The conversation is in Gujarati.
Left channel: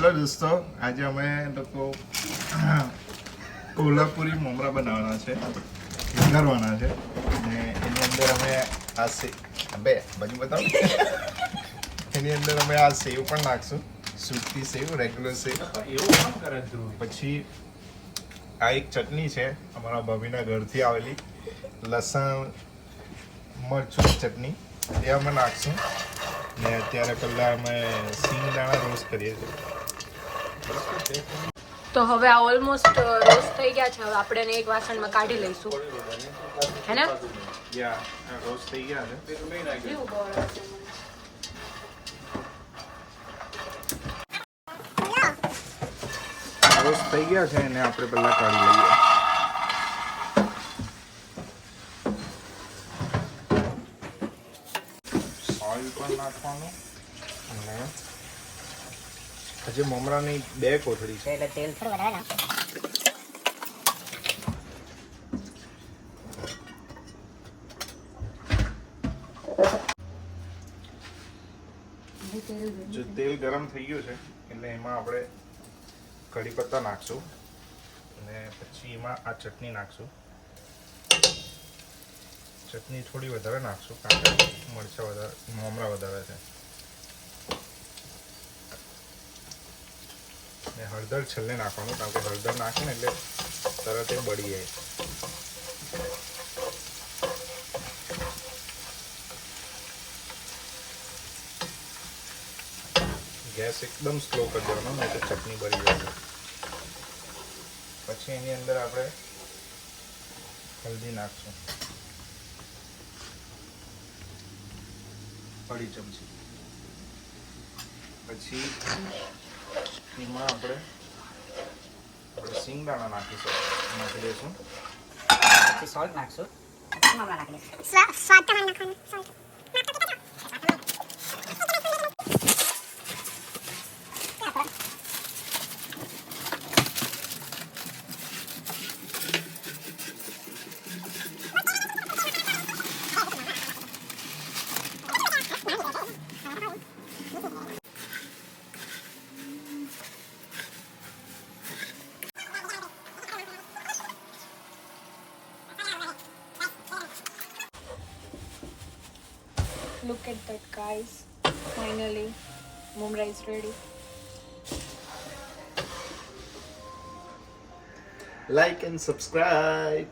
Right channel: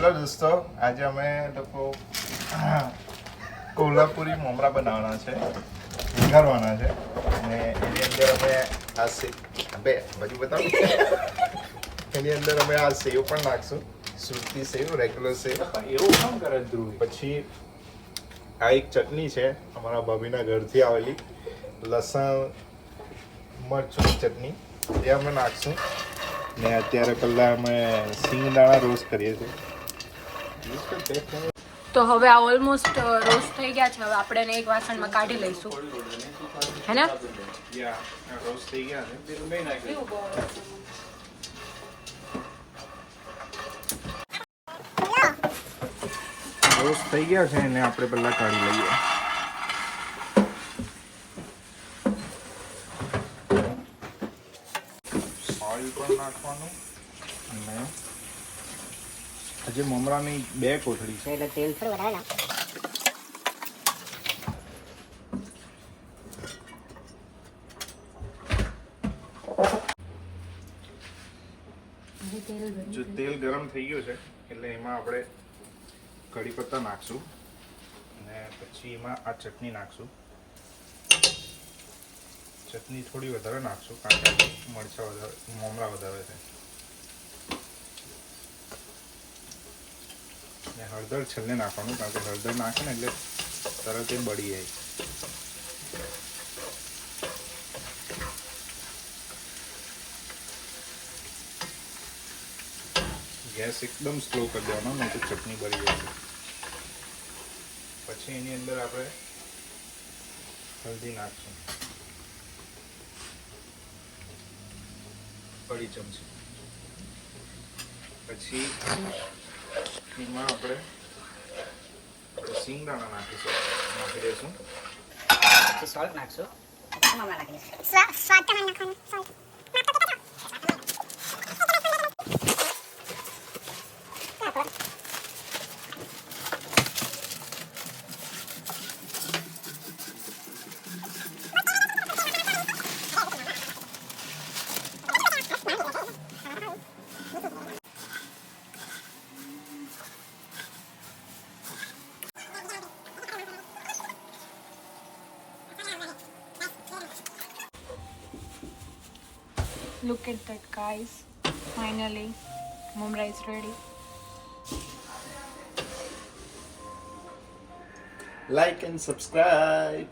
હેલો દોસ્તો, આજે અમે લોકો કોલ્હાપુરી મમરા બનાવવાના છે, વઘારવાના છે અને એની અંદર અમે આ બે બાજુ બતાવો એની અંદર અમે આ સેવ પણ નાખશું, સૂકી સેવ, રેગ્યુલર સેવ. એવું કામ કરે ધ્રુવ. પછી આ એક ચટણી છે અમારા ભાભીના ઘરથી આવેલી, લસણ મરચું ચટણી, એ અમે નાખશું. ને અત્યારે પહેલા અમે સિંગદાણા રોસ્ટ કરીએ છીએ. તો હવે આ ઓલમોસ્ટ રોસ્ટ થઈ ગયા છે. હવે આપણે એને એક વાસણમાં કાઢી લઈશું, હે ને? રોસ્ટ થઈ ગયા છે. રોસ્ટ થઈ ગયા છે એને આપણે પહેલા કાઢી લઈએ. ઓઇલ પણ નાખવાનું અને આજે મમરાની 2 કોથળી છે એટલે તેલ થોડું વધારે નાખ. જો તેલ ગરમ થઈ ગયું છે એટલે એમાં આપણે કઢી પત્તા નાખશું અને પછી એમાં આ ચટણી નાખશું. ચટણી થોડી વધારે નાખશું કારણ કે મરચાં વધારે, મમરા વધારે છે. ને હળદર છેલ્લે નાખવાનું કારણ કે હળદર નાખે ને એટલે તરત જ બળી જાય. ગેસ એકદમ સ્લો કરી દેવાનો નહીં તો ચટણી બળી જાય. પછી એની અંદર આપણે હલ્દી નાખશું, અઢી ચમચી. પછી એમાં આપણે સિંગદાણા નાખી દઈશું. પછી સોલ્ટ નાખશું. મમરા નાખી દઈશું. સ્વાદ તમારે નાખવાનો. Salt Look at that, guys. Finally, mumra is ready. Like and subscribe.